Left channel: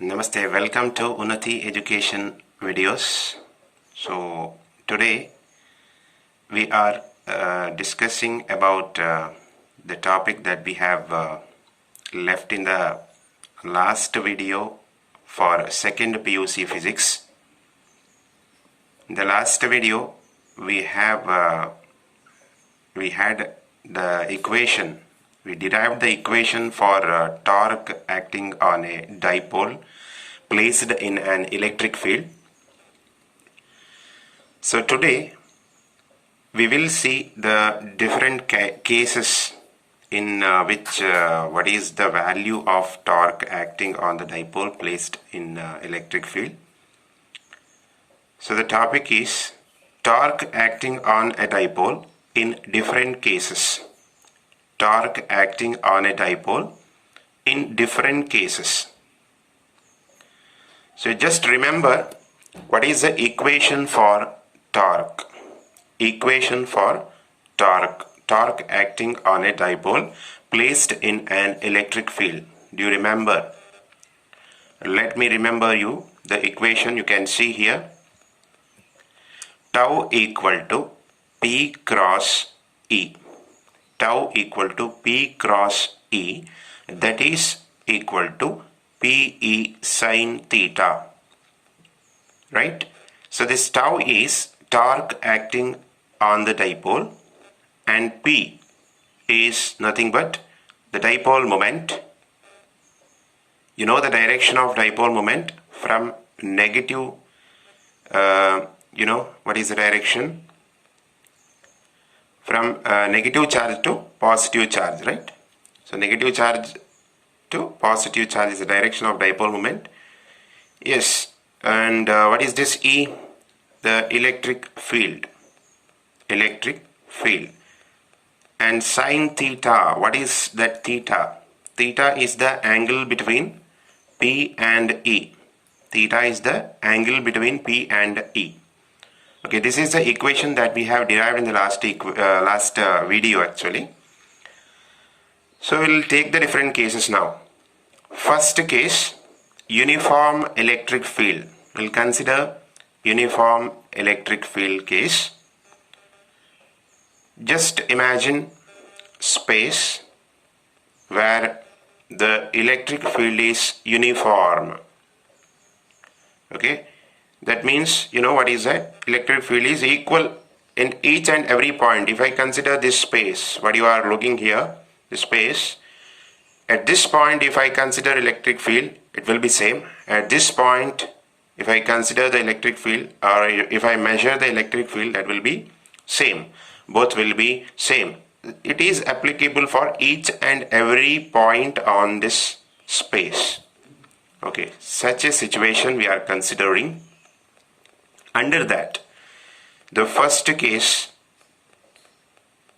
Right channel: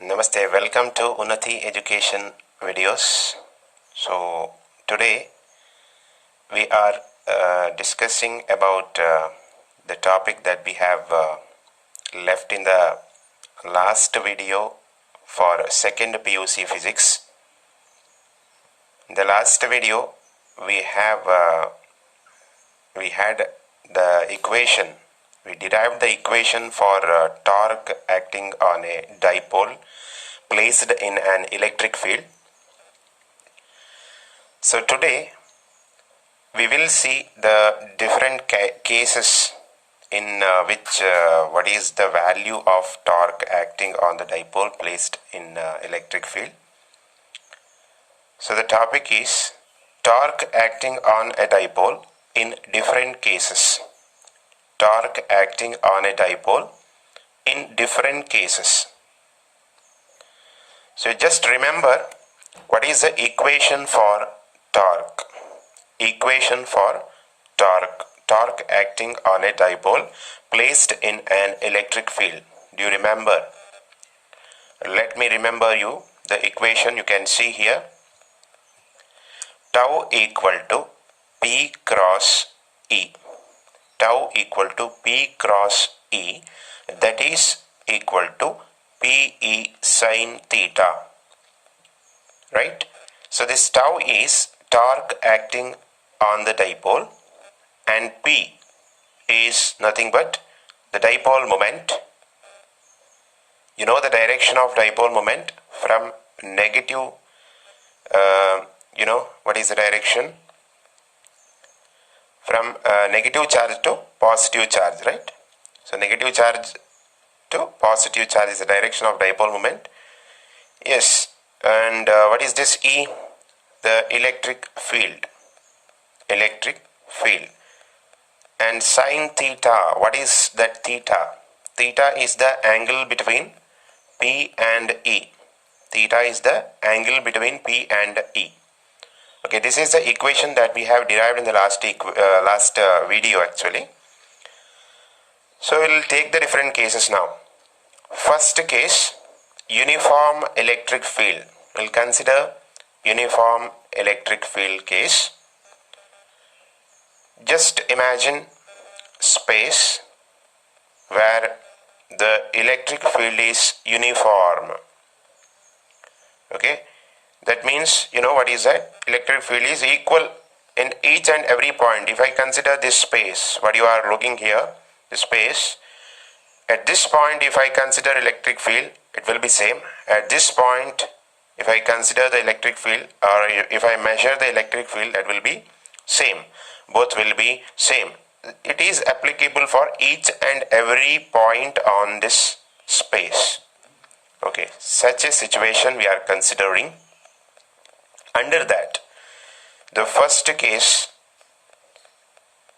Namaste, welcome to Unnati Education videos. So today we are discussing about the topic that we have left in the last video for second PUC physics. In the last video we had the equation. We derived the equation for torque acting on a dipole placed in an electric field. So today we will see the different cases in which what is the value of torque acting on the dipole placed in electric field. So the topic is torque acting on a dipole in different cases. Torque acting on a dipole in different cases. So just remember what is the equation for torque. Equation for torque. Torque acting on a dipole placed in an electric field. Do you remember? Let me remember you the equation. You can see here. Tau equal to P cross E. Tau equal to P cross E, that is equal to PE sin theta, right? So this tau is torque acting on the dipole and P is nothing but the dipole moment. You know the direction of dipole moment from negative, what is the direction? From negative charge to positive charge, right? So negative charge to positive charge is the direction of dipole moment. Yes, and what is this E? The electric field. Electric field. And sin theta, what is that theta? Theta is the angle between P and E. Theta is the angle between P and E. Okay, this is the equation that we have derived in the last video actually. So we will take the different cases now. First case, uniform electric field. We will consider uniform electric field case. Just imagine space where the electric field is uniform. Okay. That means, you know what is that? Electric field is equal in each and every point. If I consider this space, what you are looking here, the space, at this point if I consider electric field, it will be same. At this point, if I consider the electric field or if I measure the electric field, that will be same. Both will be same. It is applicable for each and every point on this space. Okay, such a situation we are considering. Under that, the first case,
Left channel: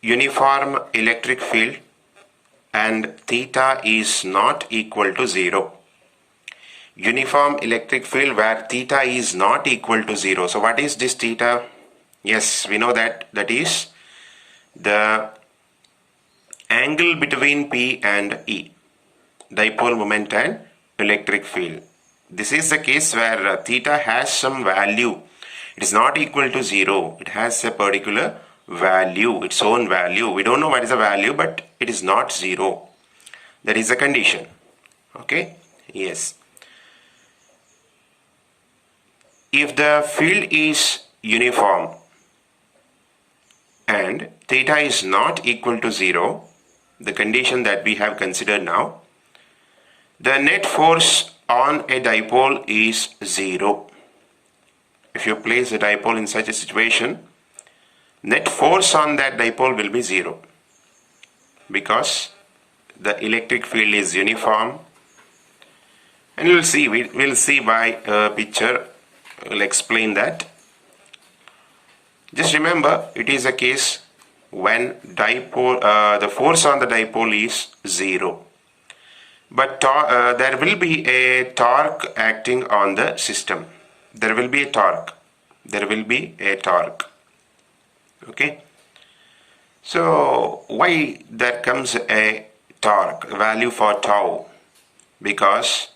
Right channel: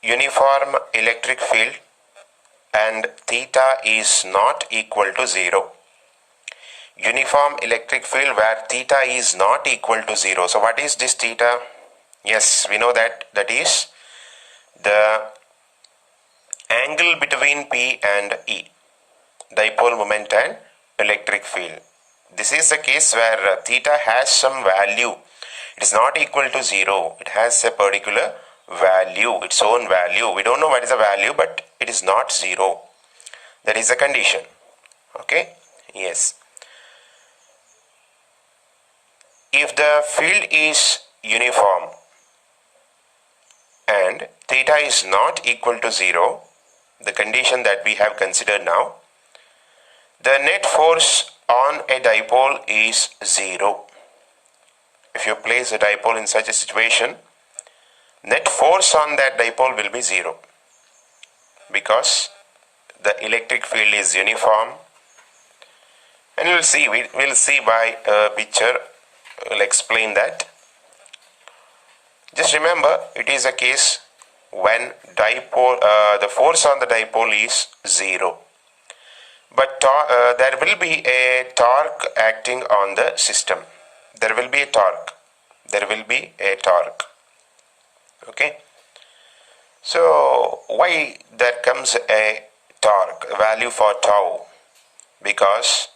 uniform electric field and theta is not equal to 0. Uniform electric field where theta is not equal to 0. So what is this theta? Yes, we know that is the angle between P and E, dipole moment and electric field. This is the case where theta has some value. It is not equal to 0. It has a particular value, its own value. We don't know what is the value, but it is not 0. That is the condition. Okay? Yes. If the field is uniform and theta is not equal to 0, the condition that we have considered now, the net force on a dipole is 0. If you place a dipole in such a situation, net force on that dipole will be 0 because the electric field is uniform. And we'll see by a picture. We'll explain that. Just remember, it is a case when the force on the dipole is 0. But there will be a torque acting on the system. There will be a torque. Okay. So why there comes a torque, value for tau? Because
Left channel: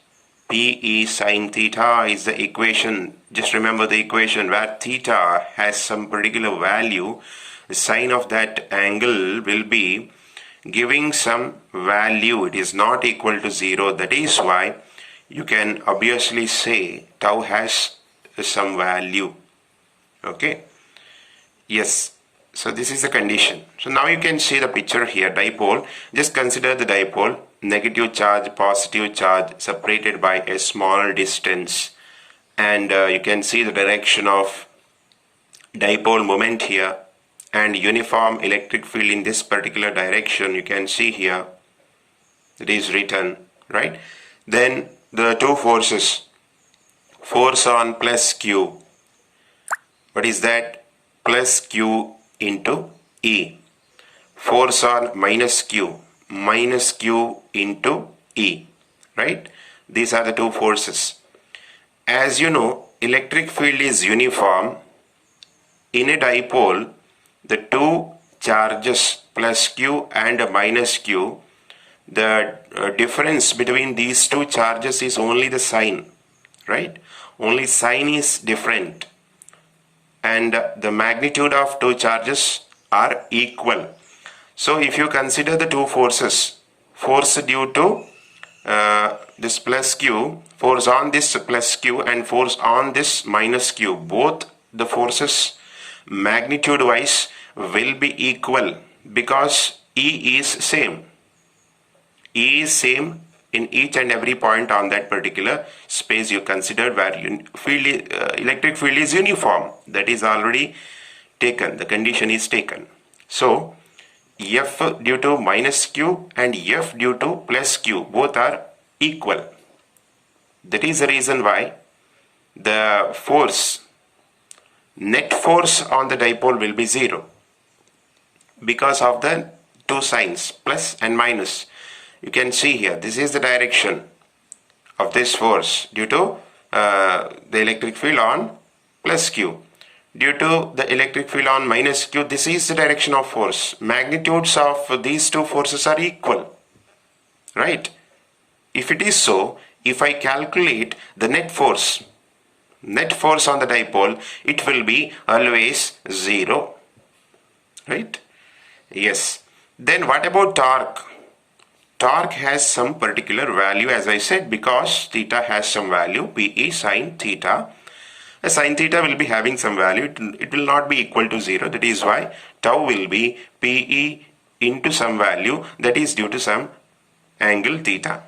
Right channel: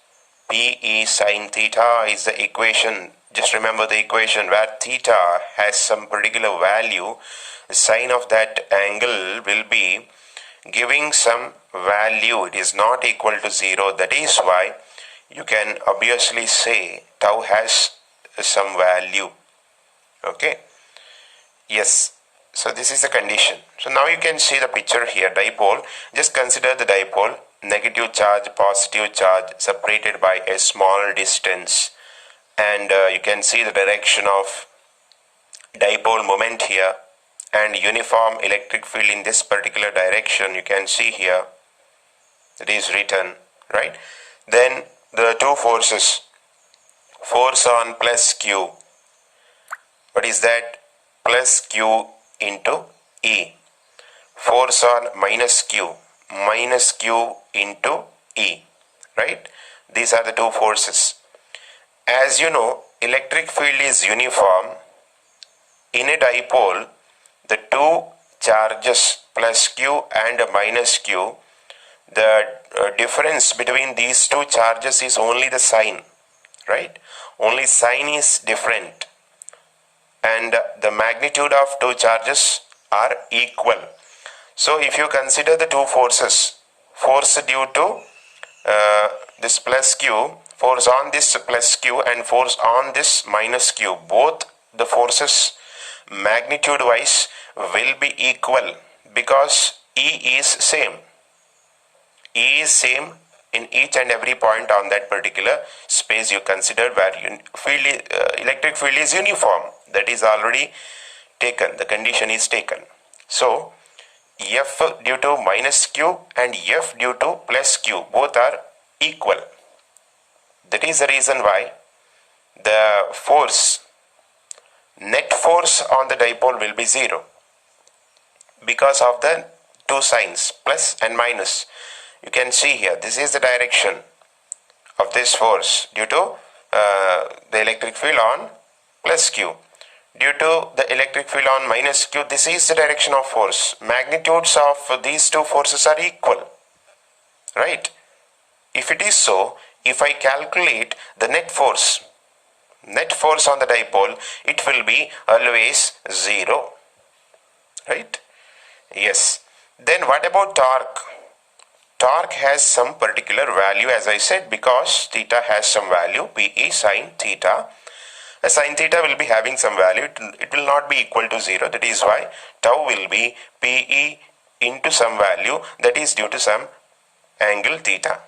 PE sine theta is the equation. Just remember the equation where theta has some particular value. The sine of that angle will be giving some value. It is not equal to 0. That is why you can obviously say tau has some value. Okay. Yes. So this is the condition. So now you can see the picture here. Dipole. Just consider the dipole. Negative charge, positive charge separated by a small distance. And you can see the direction of dipole moment here. And uniform electric field in this particular direction. You can see here. It is written. Right. Then the two forces. Force on plus Q. What is that? Plus Q into E. Force on minus Q into E. Right? These are the two forces. As you know, electric field is uniform. In a dipole, the two charges plus Q and minus Q, the difference between these two charges is only the sign. Right? Only sign is different. And the magnitude of two charges are equal. So if you consider the two forces, force due to this plus Q, force on this plus Q and force on this minus Q, both the forces magnitude wise will be equal because E is same. E is same in each and every point on that particular space you considered where electric field is uniform. That is already taken. The condition is taken. So, F due to minus Q and F due to plus Q both are equal. That is the reason why the force, net force on the dipole will be 0 because of the two signs plus and minus. You can see here, this is the direction of this force due to the electric field on plus Q. Due to the electric field on minus Q, this is the direction of force. Magnitudes of these two forces are equal. Right? If it is so, if I calculate the net force on the dipole, it will be always 0. Right? Yes. Then what about torque? Torque has some particular value, as I said, because theta has some value, PE sine theta. A sine theta will be having some value. It will not be equal to 0. That is why tau will be PE into some value that is due to some angle theta.